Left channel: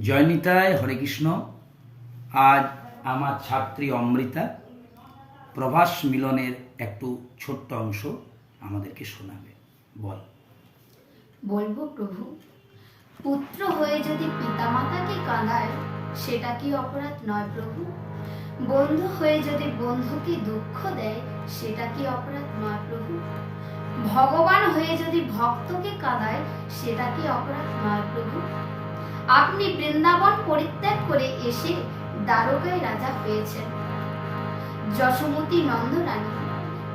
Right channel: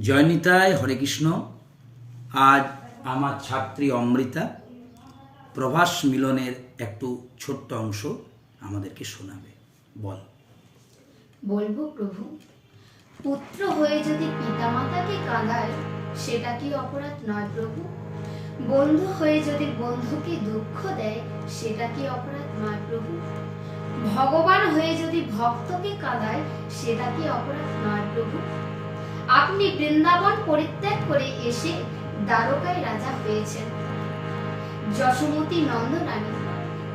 জয়নিতায়, হরে কৃষ্ণ, আজ আমার ছাত্রী অমৃতা, প্রভাস মিলনের একটু ছোট্ট অংশ আমাদেরকে শোনাবে। বল। বলব প্রভু, পুত্র হয়ে যদি পিতামাতাকে কাঁদায়, সেটা কি অপরাধ নয় প্রভু? বন্ধু হয়ে যদি বন্ধুকে দুঃখ দেয়, সেটা কি অপরাধ নয় প্রভু? ভগবান হয়ে যদি ভক্তকে কাঁদায়, সেটা কি অপরাধ নয় প্রভু? আপনি বৃন্দাবন পরিত্যাগ করে এসে দ্বারকায় রাজা হয়েছেন। যশোমতী নন্দরানী,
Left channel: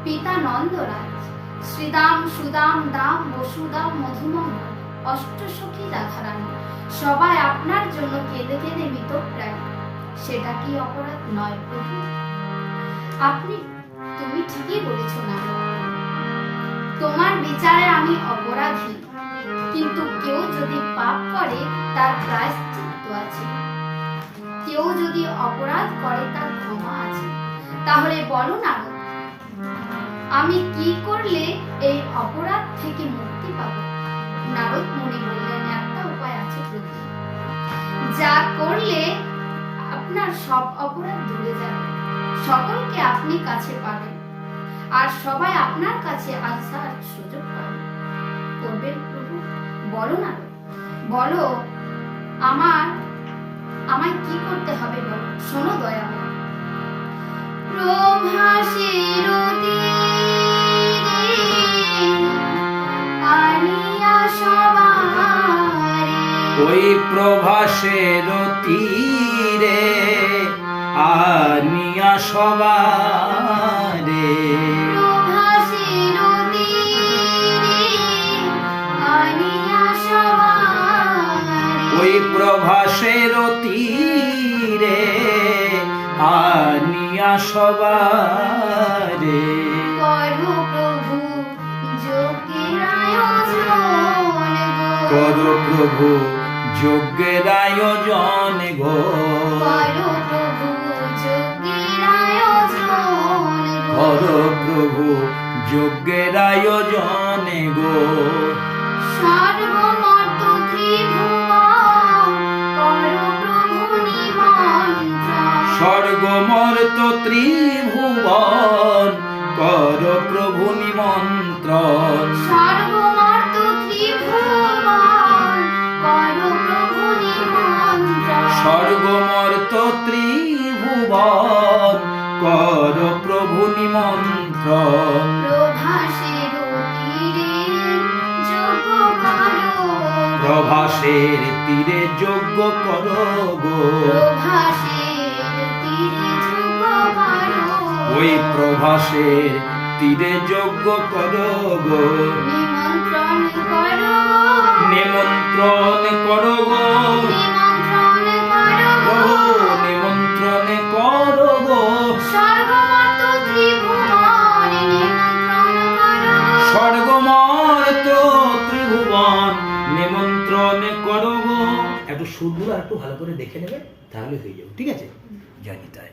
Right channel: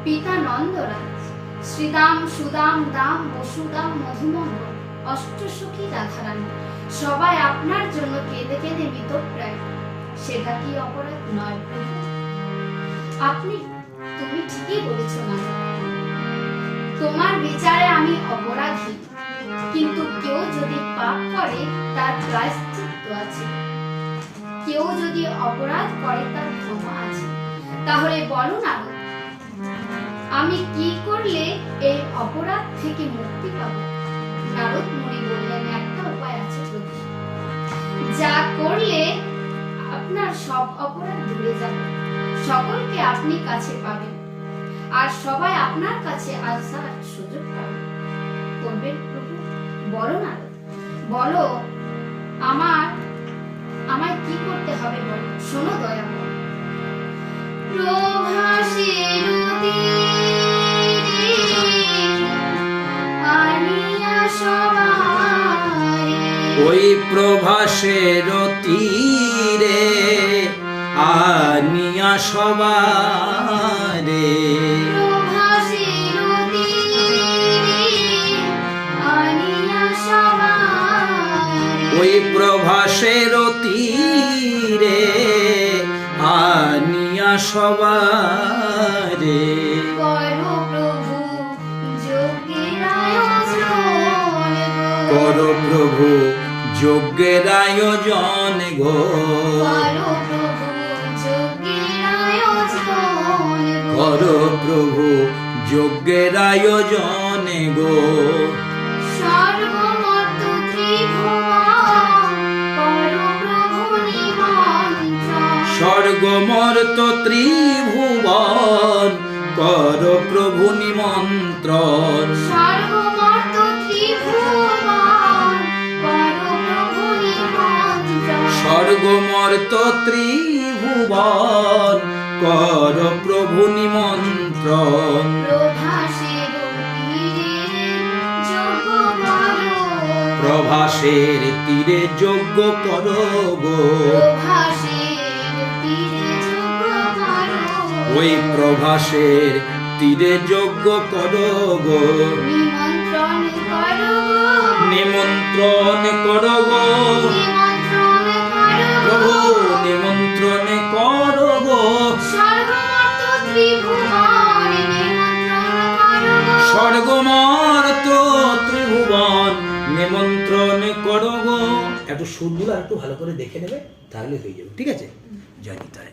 পিতা নন্দরাজ, শ্রীদাম, সুদাম, দাম, বসুদাম, মধুমঙ্গল, অষ্টসখী, রাধারানী, সবাই আপনার জন্য কেঁদে কেঁদে মৃতপ্রায়। সেটা কি অপরাধ নয় প্রভু? আপনি, তুমি ঠিকই বলেছ না। তোমার বিচারে আমি অপরাধী। কিন্তু কেউ যদি পাপ করে, তার প্রায়শ্চিত্ত আছে। কেউ যদি অপরাধ করে, তার ক্ষমা আছে। তাহলে বলো না আমি কি করলে এই অপরাধ থেকে মুক্তি পাব? নারদ মুনি বললেন, একটা উপায় আছে প্রভু। যা করলে আপনার সব অপরাধ দূরে যাবে। সকলকে আপনি কাছে পাবেন। আর সবাই আপনার কাছে আসার সুযোগ পাবে। করবেন বলো না। বলো, আমার, আমায় কি করতে হবে বলো? শোনো দয়া ওই প্রভাসের তীরে আনিয়া সবারে। প্রভাসের তীরে আনিয়া সবারে করো প্রভু যোগের আয়োজন গো। কর প্রভু যজ্ঞের আয়োজন গো করো আয়োজন গো। কর প্রভু যজ্ঞের আয়োজন গো স্বর্গমর্ত ত্রিভুবন কর প্রভু নিমন্ত্রণ। স্বর্গমর্ত ত্রিভুবন কর প্রভু নিমন্ত্রণ প্রভাসের তীরে যোগ করো। প্রভাসের ওই প্রভাসের তীরে যজ্ঞ কর নিমন্ত্রণ করো। নিমন্ত্রণ কর গো নিমন্ত্রণ কর গো নিমন্ত্রণ করো। ত্রিভুবন নিমন্ত্রণ কর গো একটু সুরগুলো একটু ভালো করে দেখে নেবে তাহলে হয়ে যাবে। ঠিক আছে? জানি নিতাই